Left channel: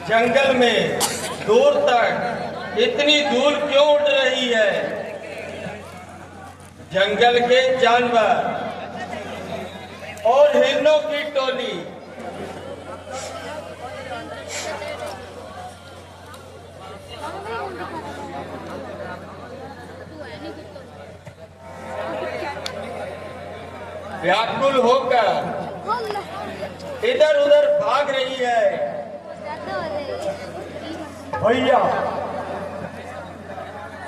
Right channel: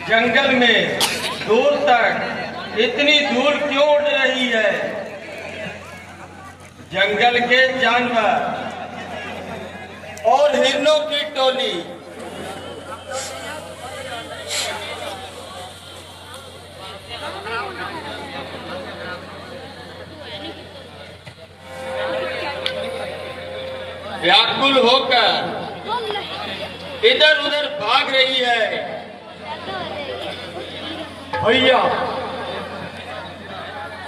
जंगल में दूर तक इतनी धूल क्यों उड़ रही है? जंगल के जानवर और हिरणों की टोली व्याकुल होकर इधर उधर भाग रही है। भैया,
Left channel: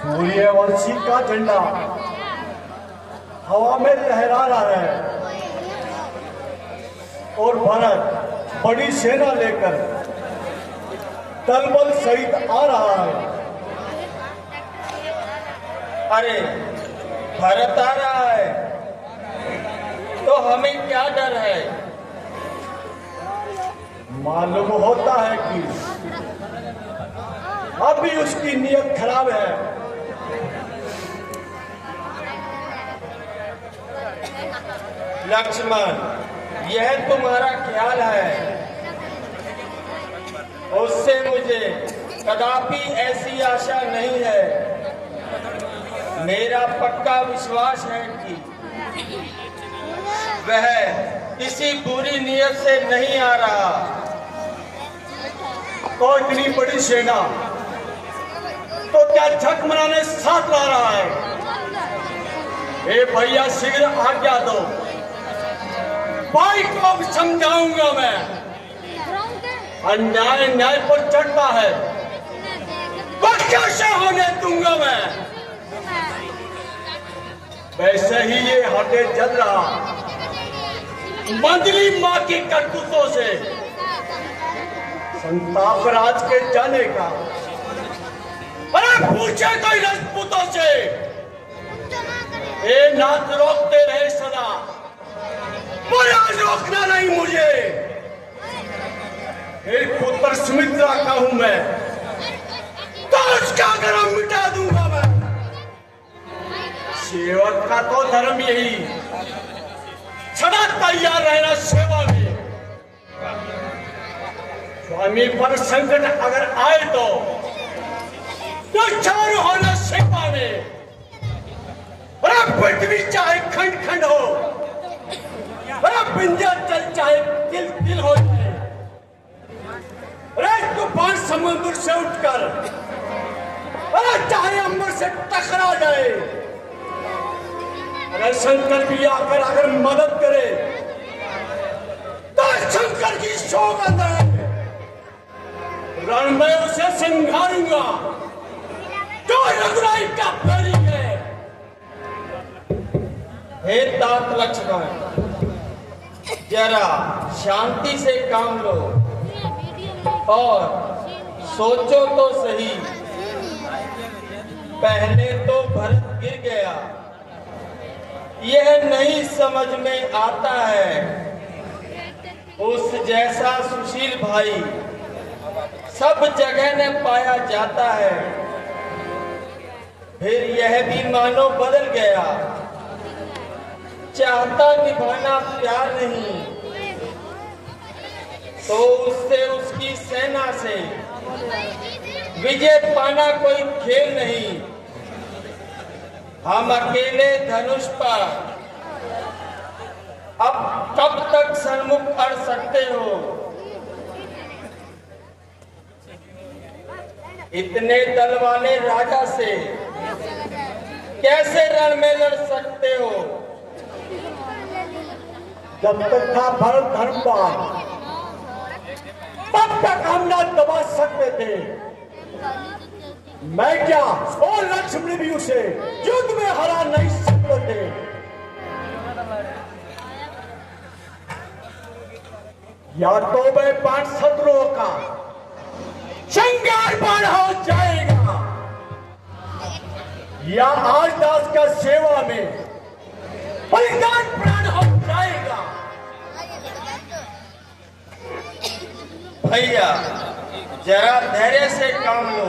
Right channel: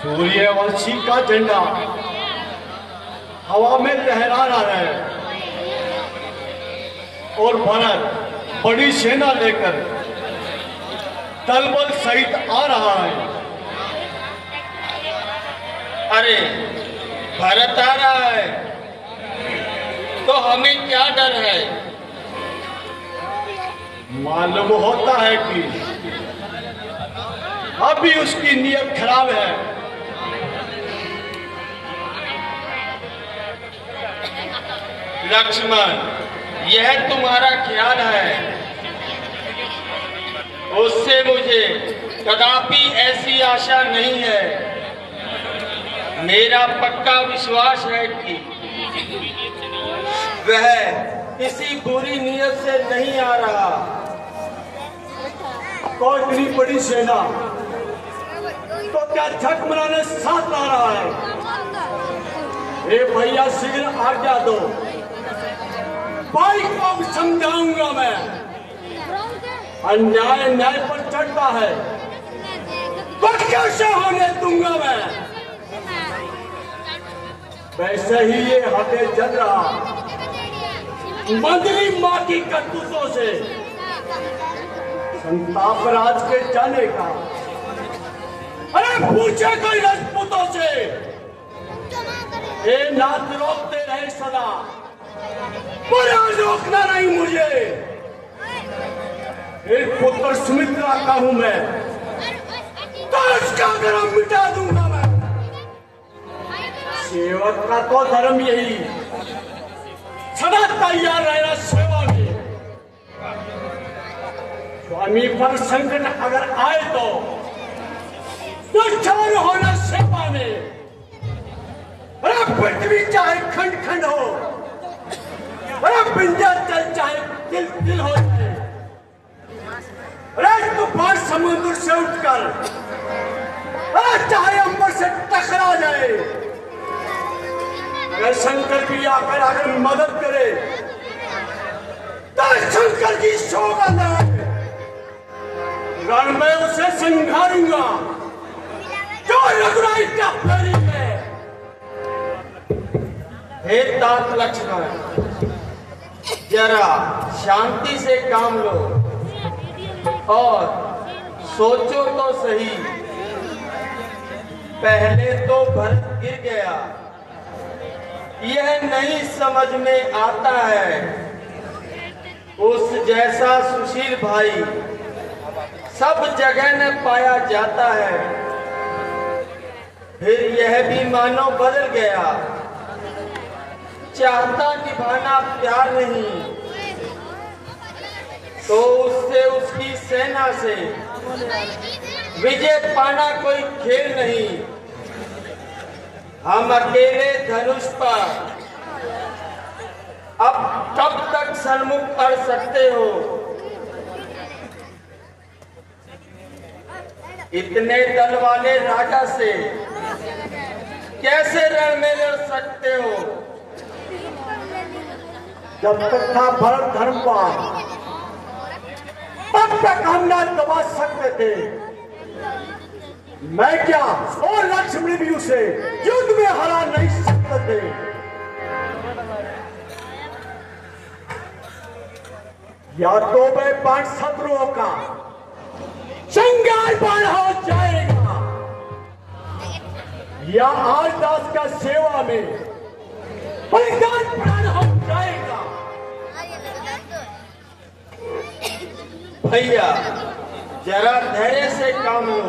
सूर्यवंशी का झंडा हवा में लहरा रहा है और भारत बड़ी सेना लेकर दलबल सहित आ रहा है। अरे भारत आ रहा है तो हमें क्या डर है? मालूम होता है कि अभी उसकी नीयत खराब है। लक्ष्मण, यह तुम्हारा ख्याल है, उससे मुझे कदापि ऐसी आशा नहीं है। मेरा पक्का विश्वास है कि वह किसी बुरी नीयत से नहीं आ रहा। तो इतनी बड़ी सेना तो क्या झक मनाने साथ ला रहा है? ए भैया, शीघ्र आज्ञा दो, भाई को समझाऊंगा मैं। अन्याय न्याय पर चढ़ता है, वह कैसे होने दूंगा मैं। वैसे ही ये हटे जल रहा मंदली माँ की करतूतों से संताप राज के जाने का। अरे पूछे कोई राजपूतों से, ए नाथ रोकते रहे सदा, पर आज रोकना नहीं मुझे। एक पुत्र सुमित्रा का हूं मैं, ताज का गरम मिटा दूंगा मैं। सेवक का तो धर्म यही, सदा तैयार रहना सेवा में। स्वामी पर संकट अगर आए तो चार होना सेवा में। अरे पृथ्वी चाहे खंड खंड हो, अरे विंध्याचल चाहे तिल तिल हो जाए, अरे तूफान समुद्र से उठकर अरे चाहे अंबर से टकरा जाए, शंकर भी आकर अगर मदद करे तो शंकर की सौगंध है, रण में उसे सिंगारूंगा जो रघुराई का फेरी है। हे तात लक्ष्मण, जरा शांति से काम लो और सोचो तो सही। पहले तो भरत गिर गया, यह नहीं समझ में आता है उस जैसा सुशील भाई सब जगह न पाया जाता है। फिर यह भी मानो बदल गया, चाहता निभाना प्यार नहीं, तो उससे उसकी सेना से विजय पाना कोई खेल नहीं। हम अकेले धनुष पर अब कब तक सन्मुख अड़ सकते हो? इतने दल वाले राजा से कैसे रण में लड़ सकते हो? जब तक था भरत धर्मपाल तब तक हम न दबा सकते थे। मैं क्या और लक्ष्मण भी उसे युद्ध में हरा नहीं सकते थे। या तो मैं 5 शत्रुओं का संगार बाढ़ हो जाएगा, या आज दास का सेवा में बलिदान प्राण हो जाएगा। भैया, जरा धैर्य से काम लो,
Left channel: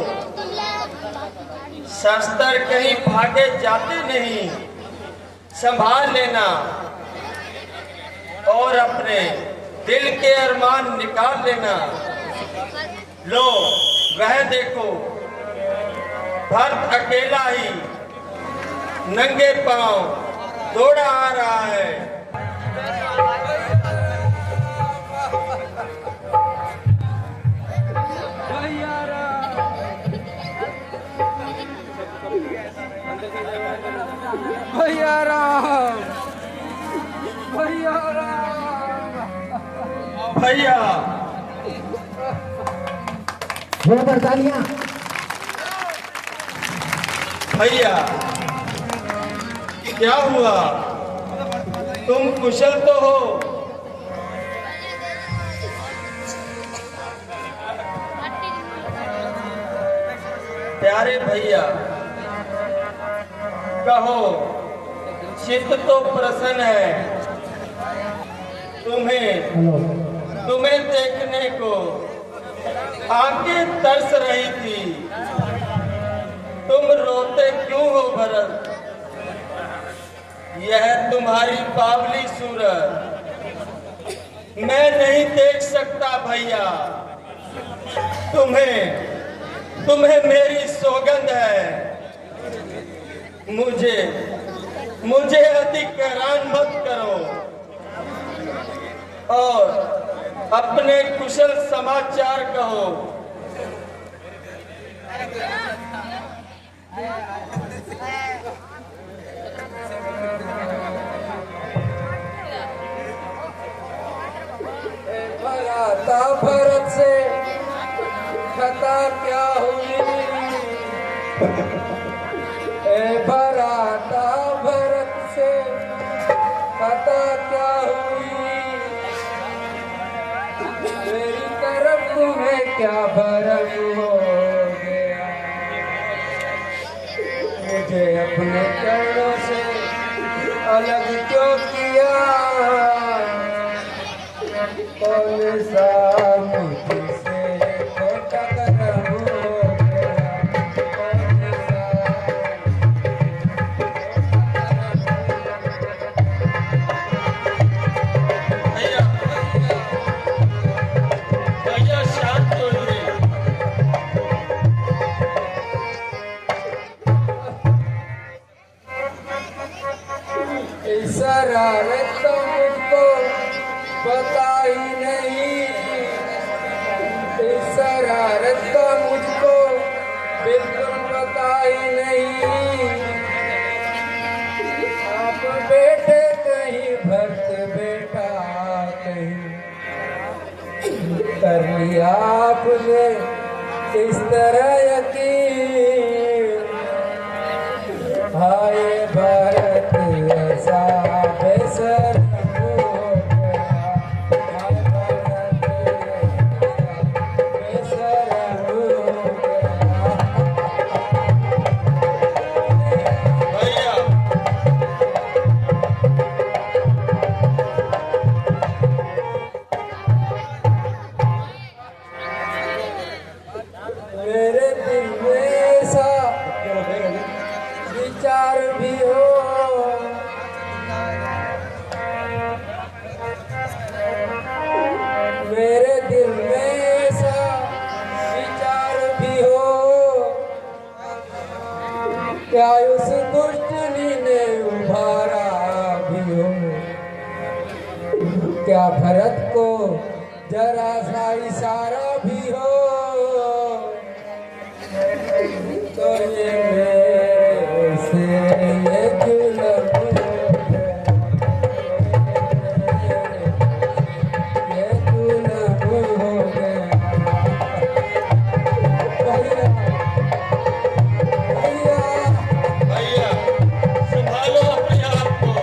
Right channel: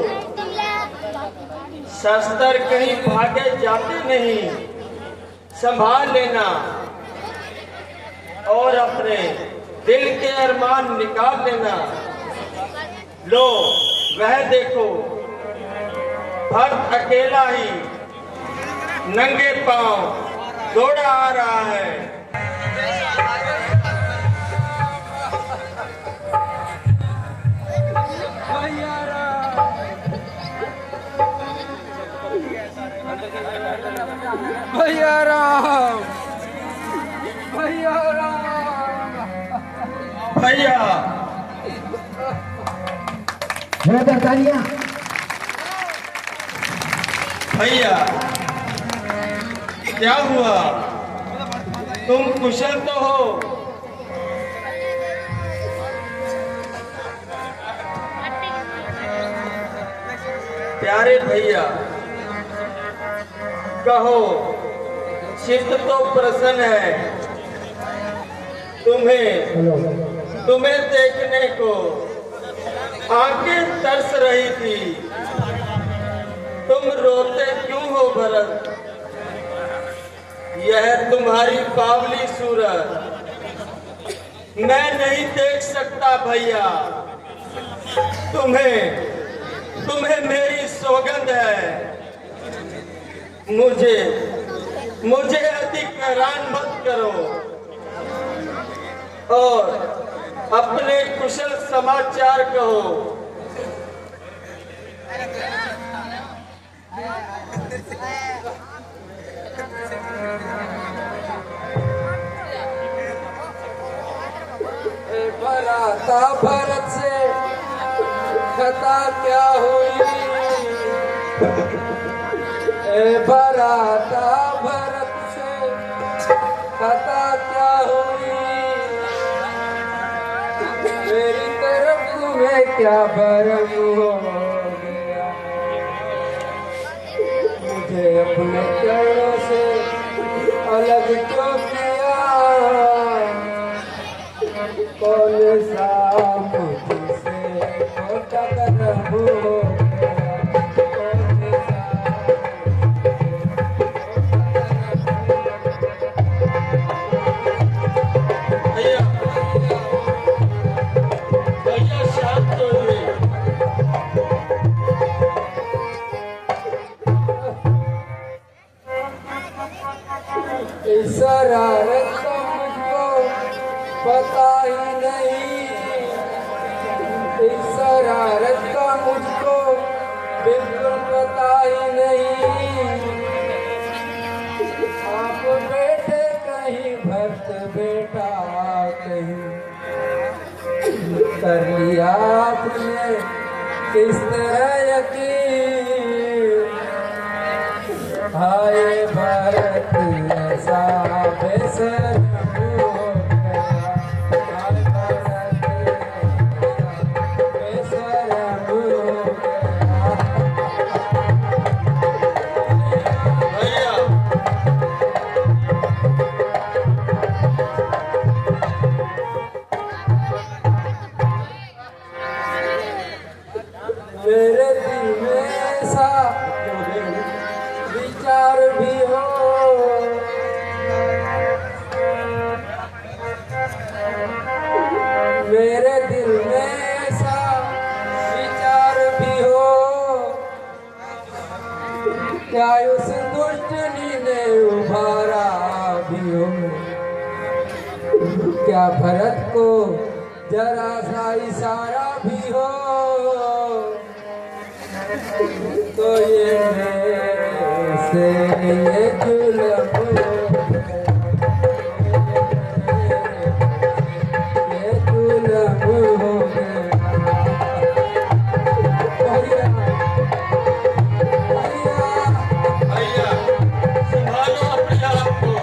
शस्त्र कहीं भागे जाते नहीं, संभाल लेना और अपने दिल के अरमान निकाल लेना। लो वह देखो, भरत अकेला ही नंगे पांव दौड़ा आ रहा है। भैया राम, भैया राम, भैया भैया क्या हुआ? तुम कुशल तो हो? प्यारे भैया कहो, चित्त तो प्रसन्न है। तुम्हें देखने को आंखें तरस रही थी। तुम रोते क्यों हो भरत? यह तुम्हारी बावली सूरत मैं नहीं देख सकता भैया। तुम्हें मेरी सौगंध है। मुझे अधिक हैरान मत करो और अपने कुशल समाचार कहो। भराता भरत से खता क्या हुई? भराता भरत से खता क्या हुई? मेरी तरफ तुम्हें क्या भरम हो गया? मुझे अपने चरणों से अलग क्यों किया? कौन सा मुझसे छोटा करम हो गया? भैया शांत होइए। इस शरारत तो मुझको पता ही नहीं। इस शरारत का मुझको बिल्कुल पता ही नहीं। आप बेटे कहीं, भक्त बेटा कहीं, कर लिया आपने किस तरह यकीन? हाय भरत ऐसा बेशर्म हो गया। हाय भरत ऐसा बेशर्म हो गया। भैया मेरे दिल में ऐसा विचार भी हो। मेरे दिल में ऐसा विचार भी हो। क्या उस दुष्टनी ने उभारा भी हो? क्या भरत को जरा सा इशारा भी हो? तो ये मेरे से ये जुल्म हो गया। ये जुल्म हो गया। भैया, भैया, भैया संभालो अपने आप को।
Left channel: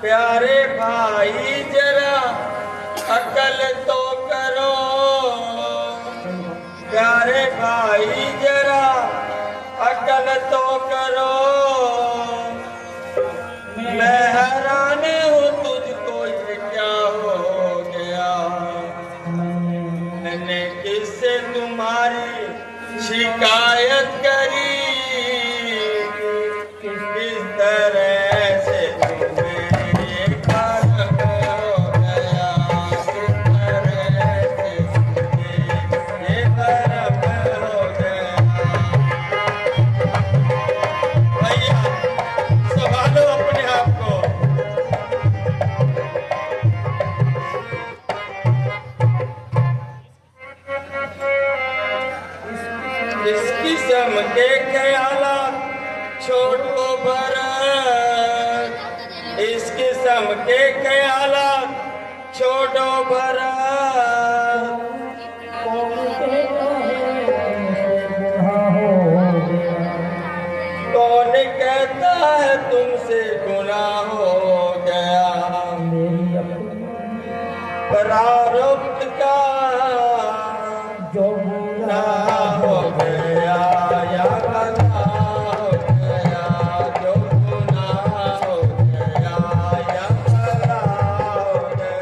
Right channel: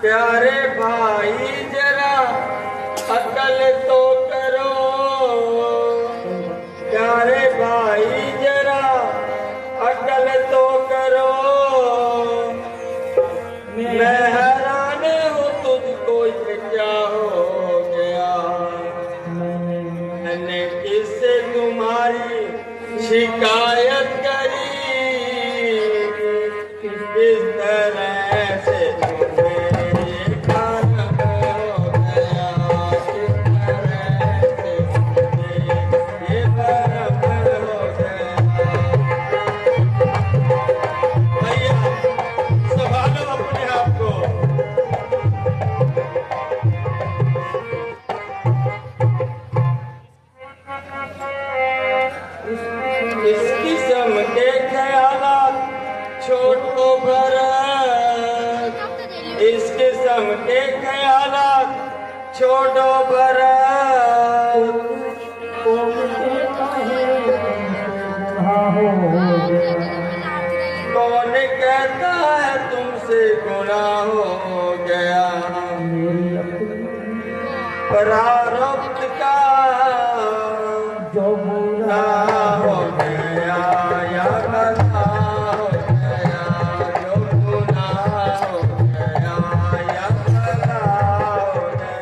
प्यारे भाई जरा अकल तो करो। प्यारे भाई जरा अकल तो करो। मैं हैरान हूँ तुझको ये क्या हो गया? छोड़ो भरा कौन कहता है बुढ़ा हो गया? कौन कहता है तुमसे गुनाह हो गया? मेरी अपनी प्रारब्ध का जो बुरा हो गया या भला हो गया, जो गुनाह हो गया या भला हो गया।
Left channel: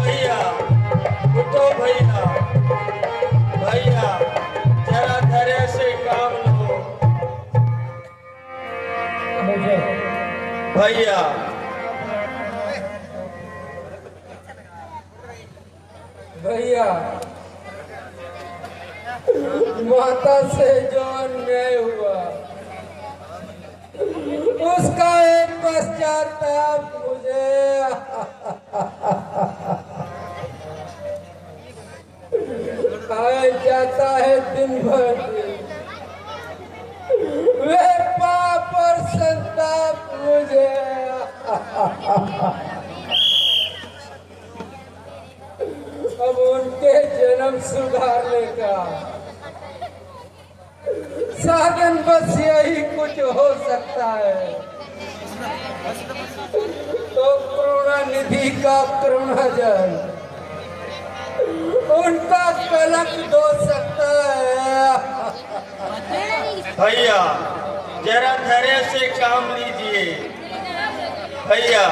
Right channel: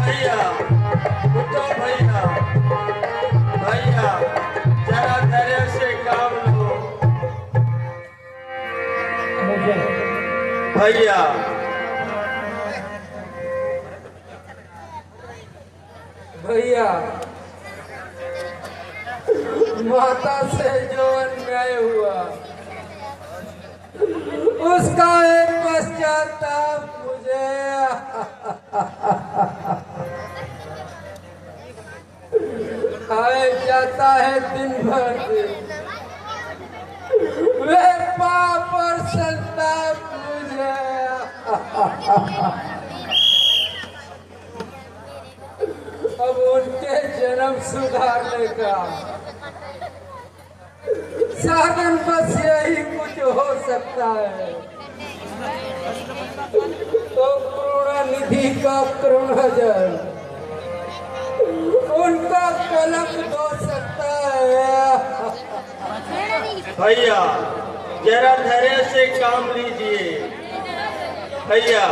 भैया उठो भैया, भैया जरा धैर्य से काम लो मुझे भैया। भैया माता से जो अन्याय हुआ उसका एक पश्चाताप मुझे आए जाता है दिन भर। वे पाप और संताप मुझे अब उनके जन्म सुधारने का साधन बस यही कुछ हो सकता है। तो करुणानिधि का करुणाजन उनका कलंक धो सकता है। भैया जरा धैर्य से काम लीजिए भैया।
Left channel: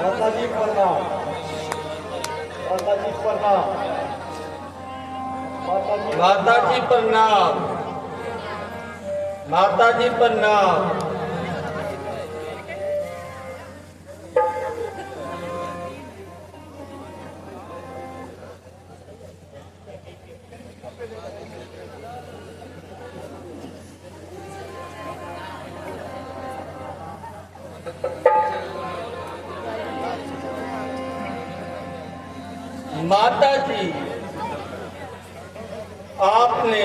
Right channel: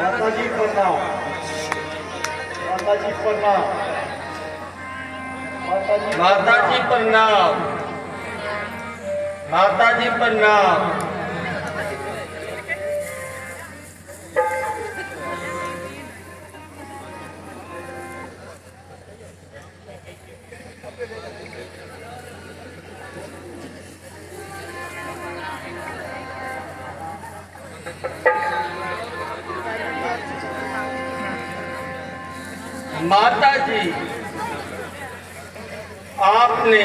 माता जी प्रणाम, माता जी प्रणाम, माता जी प्रणाम, माता जी प्रणाम। माता जी आपने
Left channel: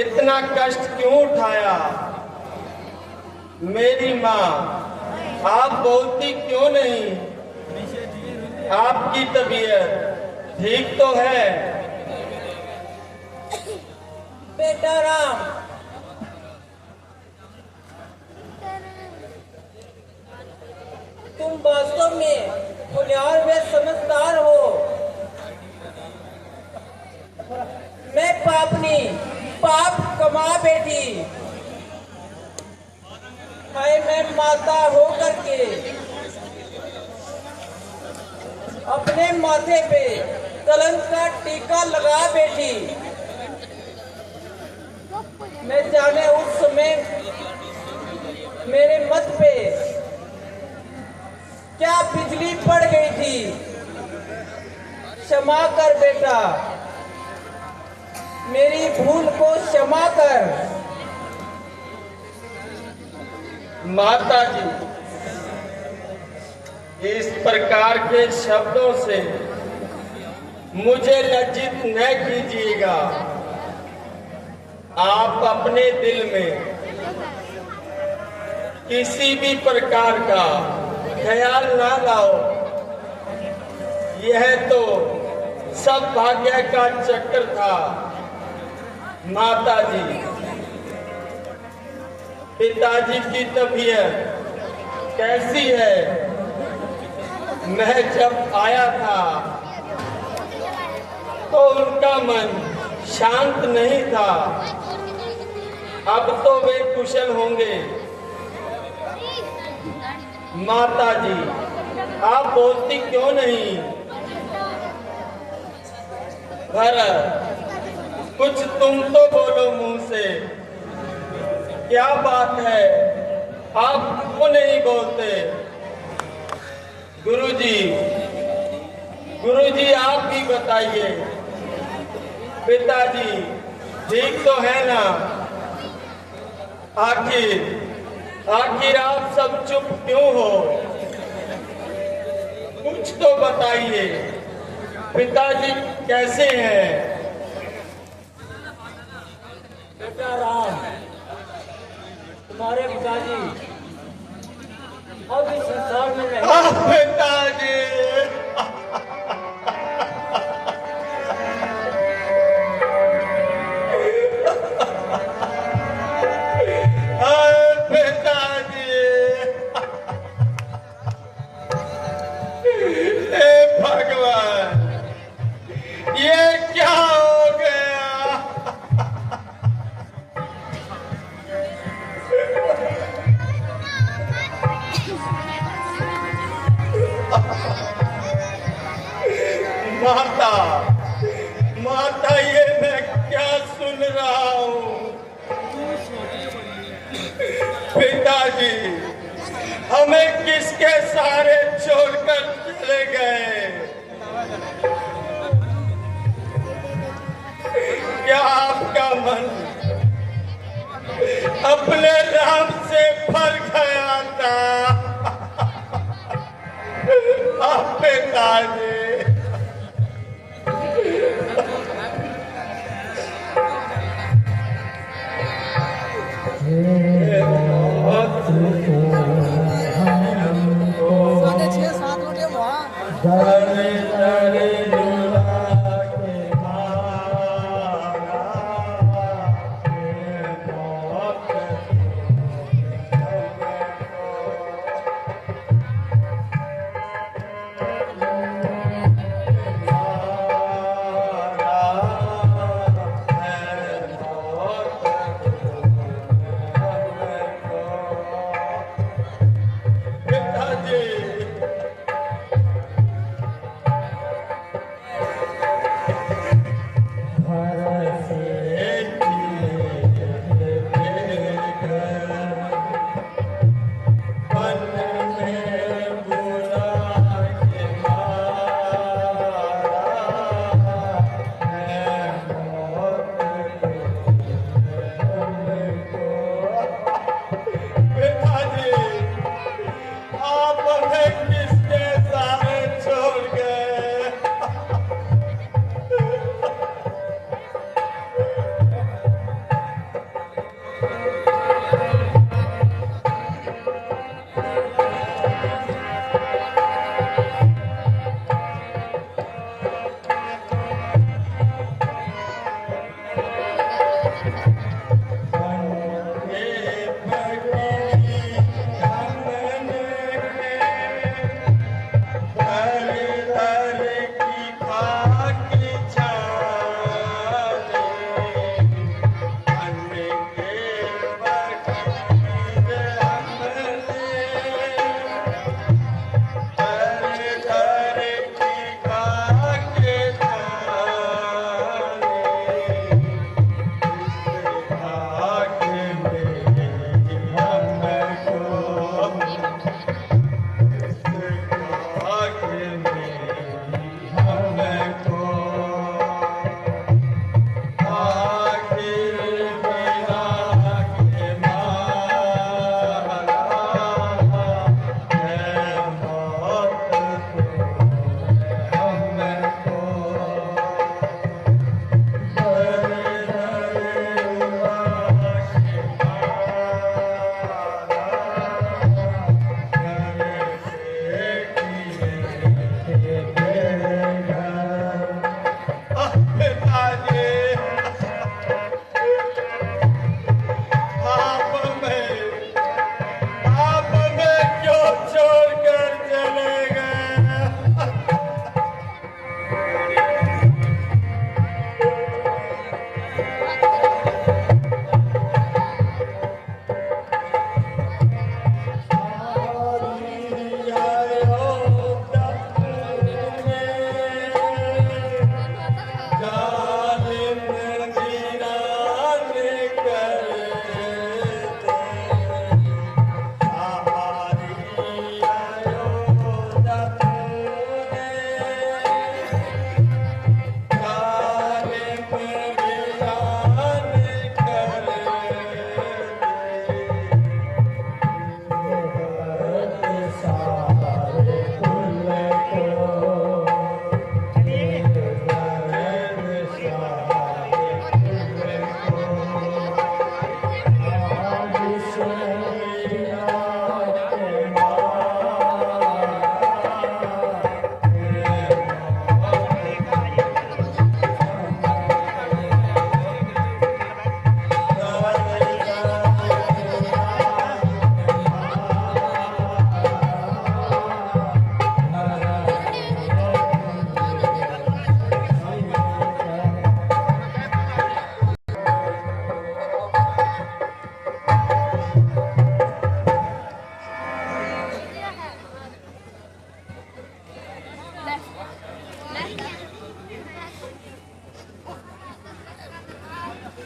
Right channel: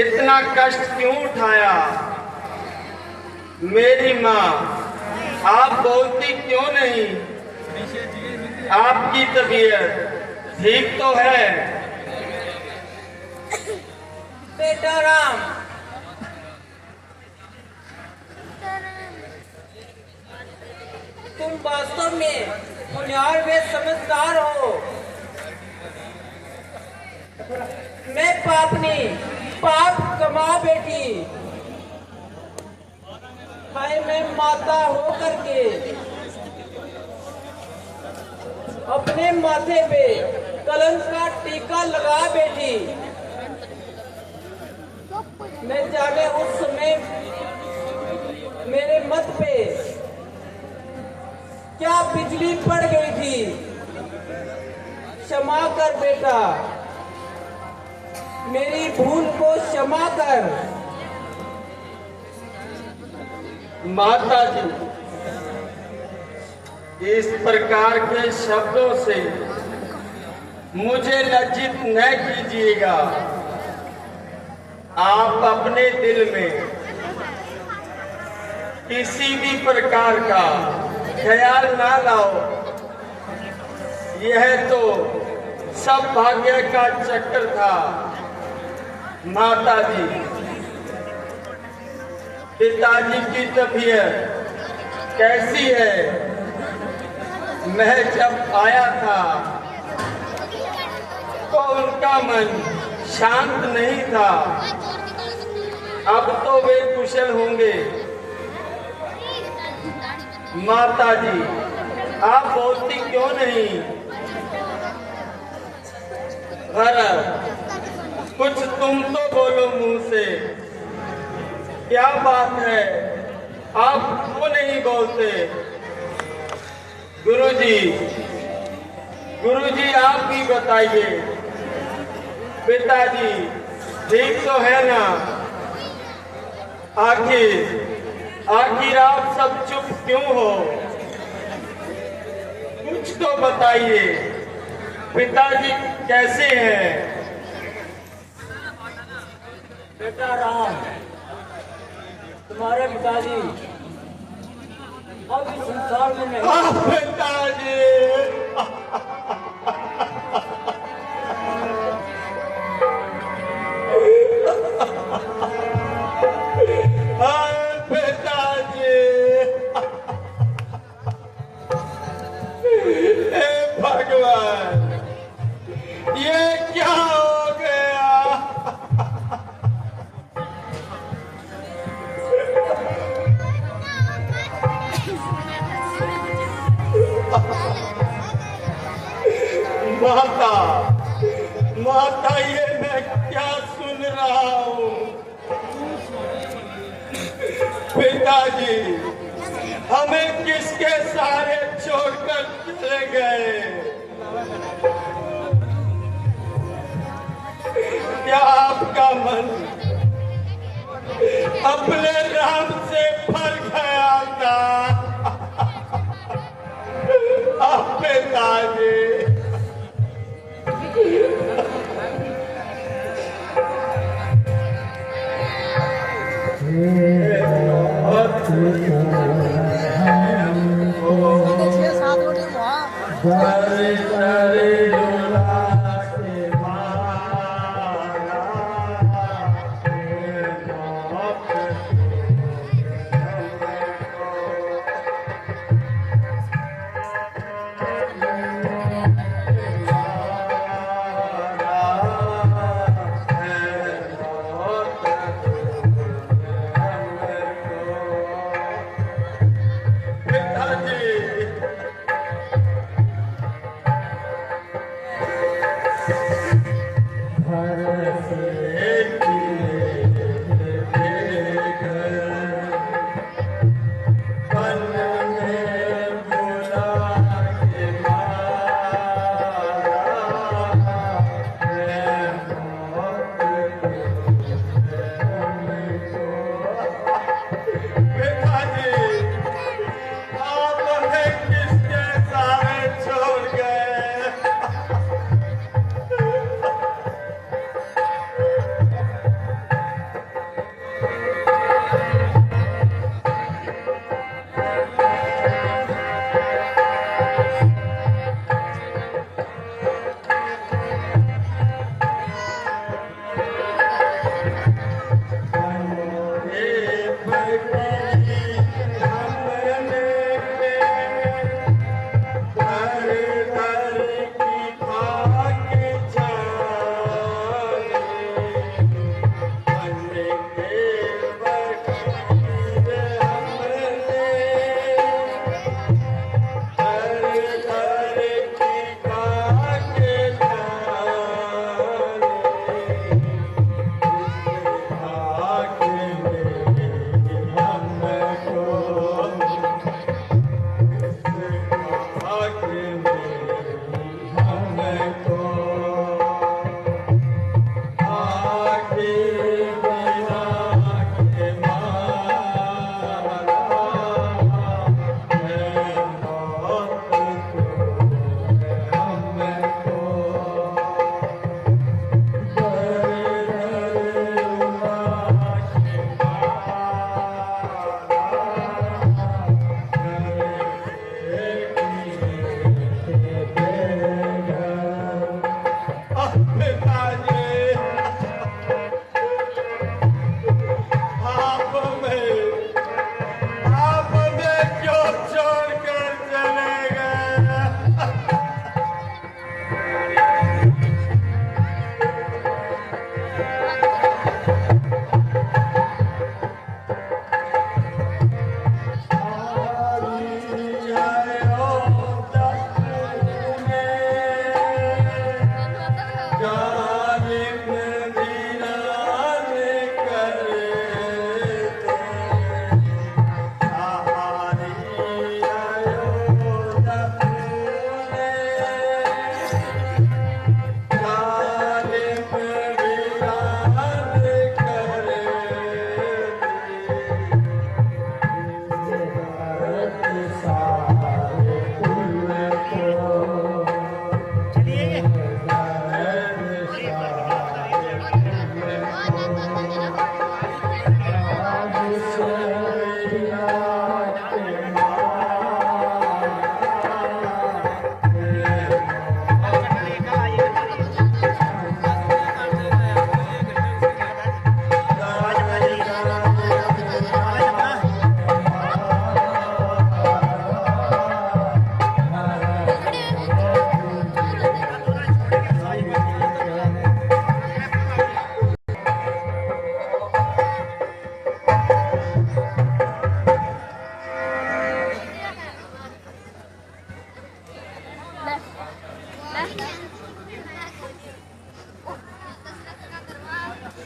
इतना कष्ट क्यों उठाया? मेरी माँ आप बोलती क्यों नहीं? आपकी तबीयत ठीक तो है? बेटा राम, तुम वास्तव में होनहार व समझदार हो। मैं पापनी पाप कमा बेटी है, मैं माता होकर के अपने माथे पे कलंक का टीका लगा बेटी। मैं जाने उस समय मेरे मत पे क्या बिजली पड़ गई थी। क्षमा कर बेटा, मेरी भूल को क्षमा कर। माता जी इस प्रकार के शब्दों से मुझे लज्जित न कीजिएगा। आप अपने दिल में किसी भी प्रकार का ख्याल ना लाओ। यह तो सब भाग्य का चक्कर था। माता जी पिताजी की तबीयत कैसी है? मैं जब आया था तो उनका मन शांत नहीं था। अब तो वे कुशल होंगे। माता जी आप बोलती क्यों नहीं? भरत कुछ तुम तो बोलो मुंह से। क्या बात है, आप क्यों नहीं बोलते? गुरुजी, गुरुजी आप भी बताइए। पिताजी ठीक तो है ना? आखिर आप सब चुप क्यों हो? कुछ तो बताइए। पिताजी कैसे हैं? बेटा राम, तुम्हारे पिताजी अब इस संसार में नहीं। पिताजी, पिताजी, हे भगवान, ये क्या हो गया? माता, माता, ये मैं क्या सुन रहा हूँ? पिताजी हमें किसके सहारे छोड़कर चले गए? क्या आपका मन अपने राम से भर गया था? पिताजी,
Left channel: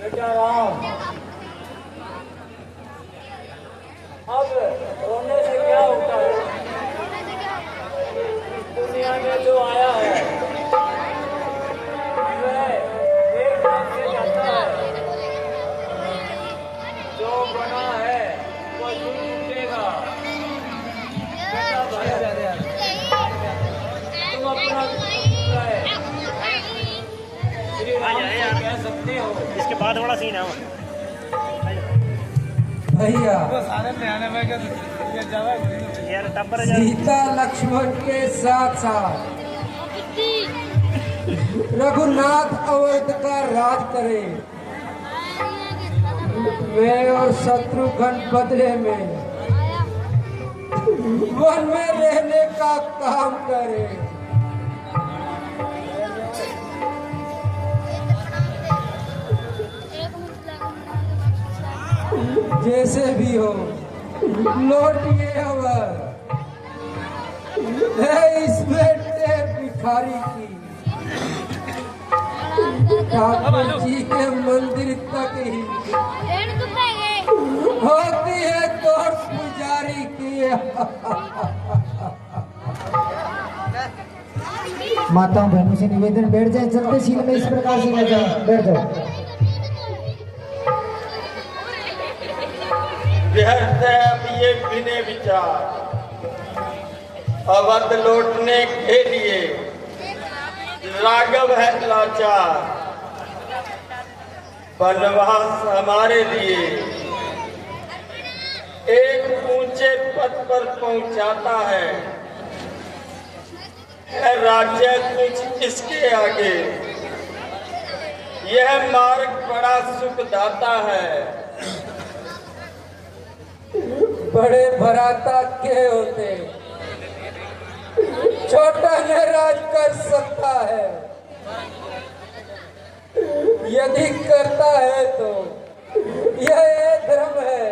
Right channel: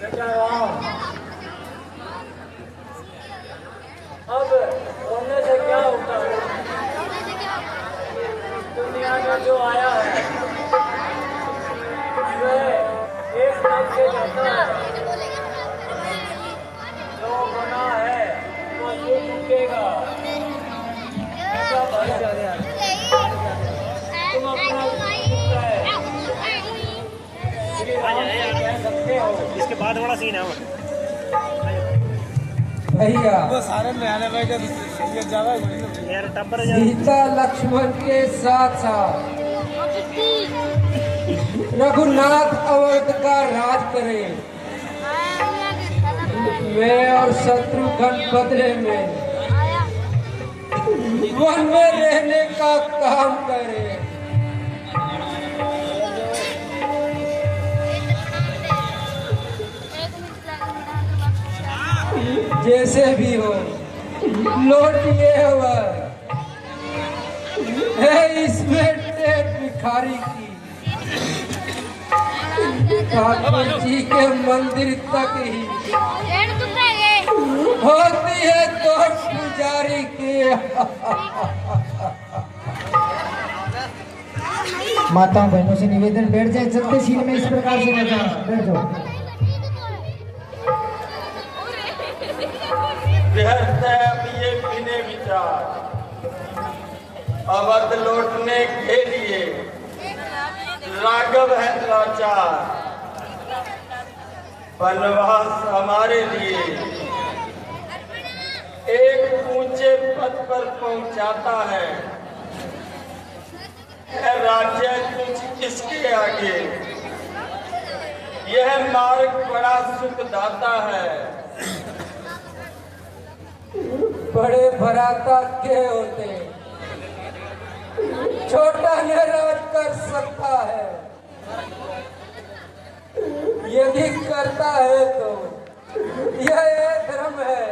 बेटा राम, अब रोने से क्या होता है? दुनिया में जो आया है उसमें एक ढंग से जाता है, जो बना है वो टूटेगा। बेटा भरत, तुम अपना पुत्र है, श्री राम से कह सकते हो। इसके बाद बड़ा सीन है वो। भैया यार टब्बर सीता लक्ष्मण के साथ साथ रघुनाथ अवध का राज करे, वे और शत्रुघ्न बदले में वन में रहने का काम करे। जैसे भी हो लौटिए है इसमें टेट भिखारी की, ठाकुर जी के मंदिर तक ही होती है तो पुजारी की। माता बहनों से निवेदन, बैठ जाए, चलते सीन में इस प्रकार से बैठ जाओ, बैठ जाओ। ये बिने विचार अवध लौटने के लिए राघव है लाचार, वनवास हमारे लिए एक ऊंचे पद पर पहुंचाता है राज्य कुछ इसके आगे, यह मार्ग बड़ा सुखदाता है। बड़े भराता के होते छोटा न राज कर सकता है, यदि करता है तो यह धर्म है,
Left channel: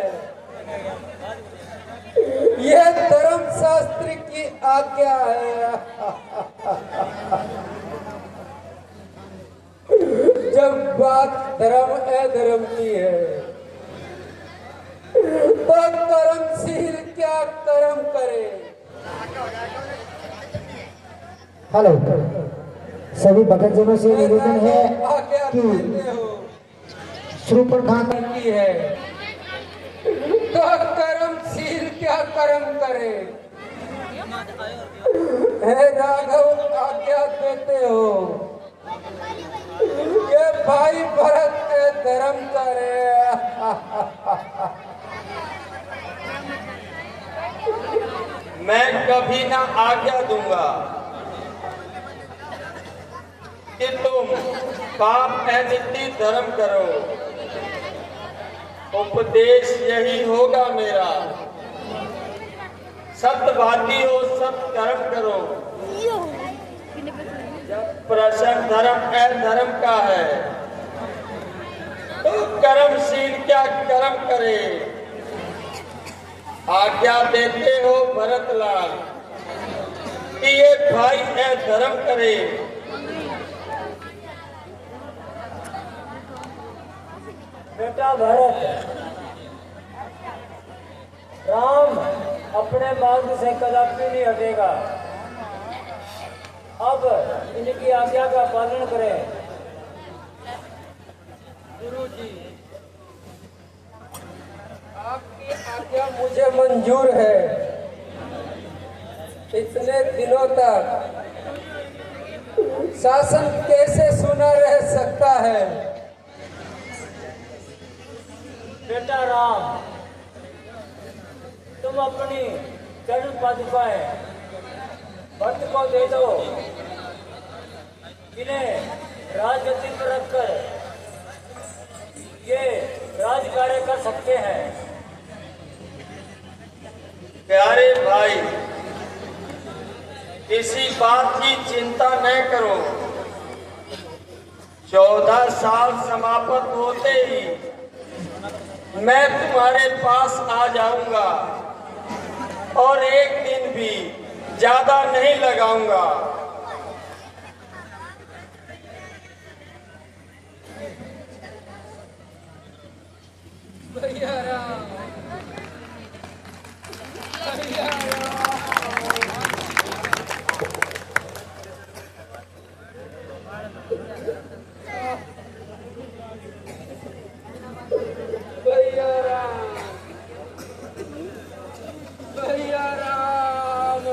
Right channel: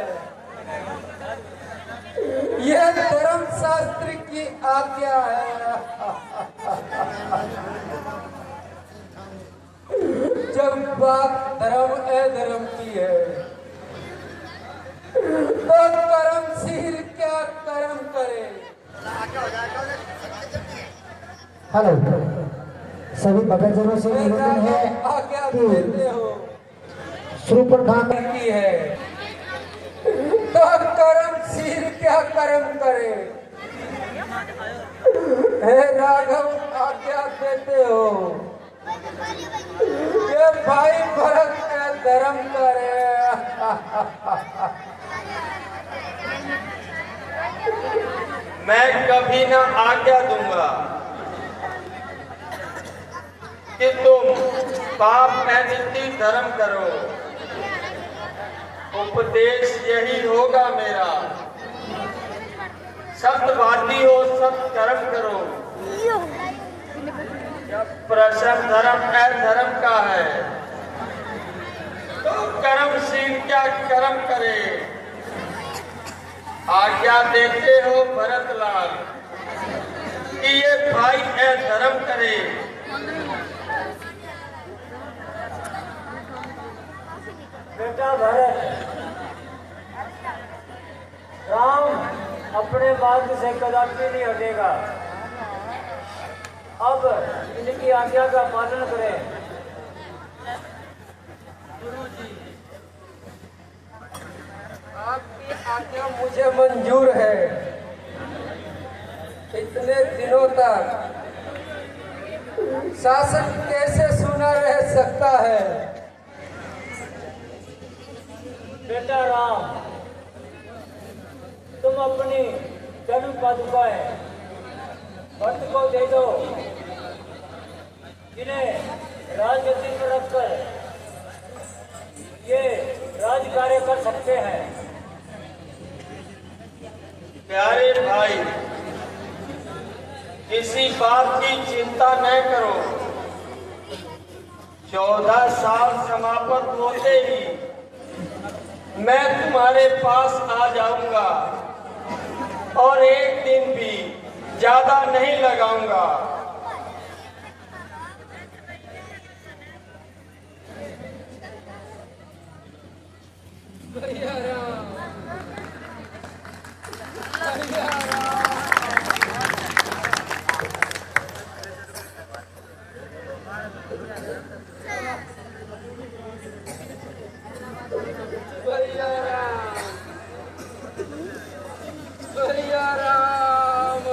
यह धर्म शास्त्र की आज्ञा है। जब बात धर्म अधर्म की है तो कर्मशील क्या कर्म करे। हेलो, सभी भक्तजनों से निवेदन है आज्ञा कि देते हो श्रीपुर खान की है तो कर्मशील क्या कर्म करे। हे राघव, आज्ञा देते हो ये भाई भरत के धर्म करे। मैं कभी ना आज्ञा दूंगा कि तुम पाप एवं धर्म करो, उपदेश यही होगा मेरा। सत्यवादी हो, सत्य कर्म करो। जब प्रश्न धर्म अधर्म का है तो कर्मशील क्या कर्म करे। आज्ञा देते हो भरतलाल कि ये भाई अधर्म करे। बेटा भरत, राम अपने मार्ग से कदापि नहीं हटेगा। अब इनकी आज्ञा का पालन करें। गुरु जी, आपकी आज्ञा मुझे मंजूर है। इतने दिनों तक शासन कैसे सुना रह सकता है। बेटा राम, तुम अपनी चरण पादुकाएं भक्त को दे दो, इन्हें राजगद्दी पर रखकर ये राज कार्य कर सकते हैं। प्यारे भाई, किसी बात की चिंता न करो। 14 साल समाप्त होते ही मैं तुम्हारे पास आ जाऊंगा और एक दिन भी ज्यादा नहीं लगाऊंगा। भैया राम भैया राम भैया राम भैया राम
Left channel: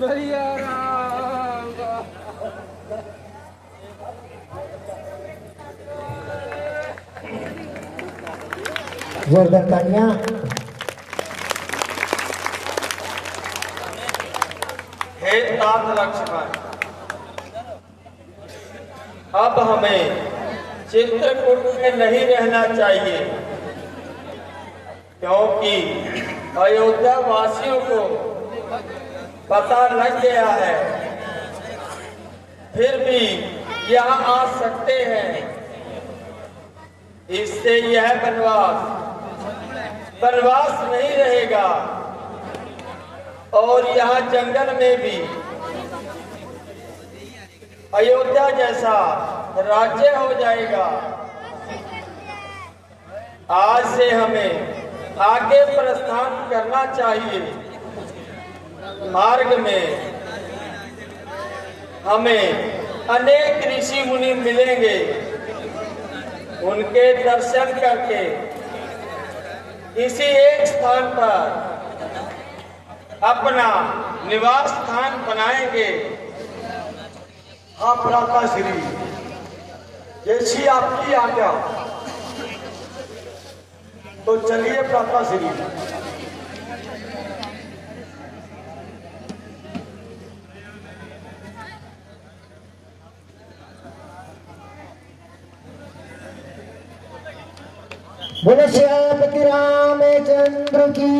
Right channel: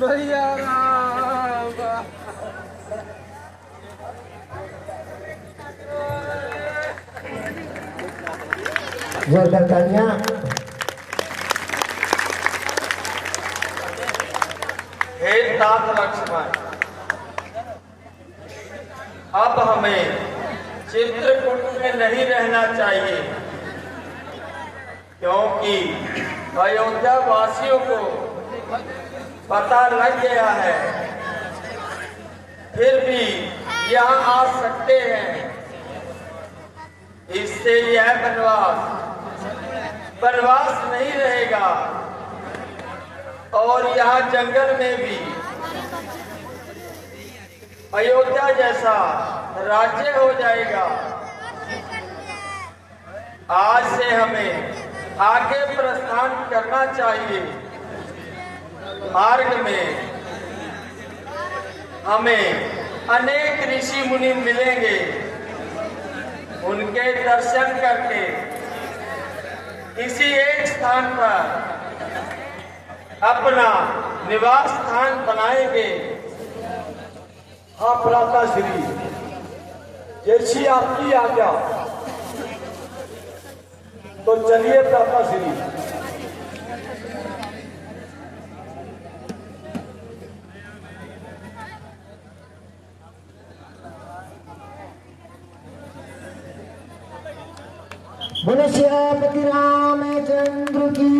भैया राम जोरदार तालियां। हे राम लक्ष्मण, अब हमें चित्रकूट में नहीं रहना चाहिए, क्योंकि अयोध्या वासियों को पता लग गया है। फिर भी यहाँ आ सकते हैं। इससे यह वनवास नहीं रहेगा और यहाँ जंगल में भी अयोध्या जैसा राज्य हो जाएगा। आज से हमें आगे प्रस्थान करना चाहिए। मार्ग में हमें अनेक ऋषि मुनि मिलेंगे। उनके दर्शन करके इसी एक स्थान पर अपना निवास स्थान बनाएंगे। हाँ भ्राता श्री, जैसी आपकी आज्ञा। तो चलिए भ्राता श्री। बोलो श्यामपति रामचंद्र की।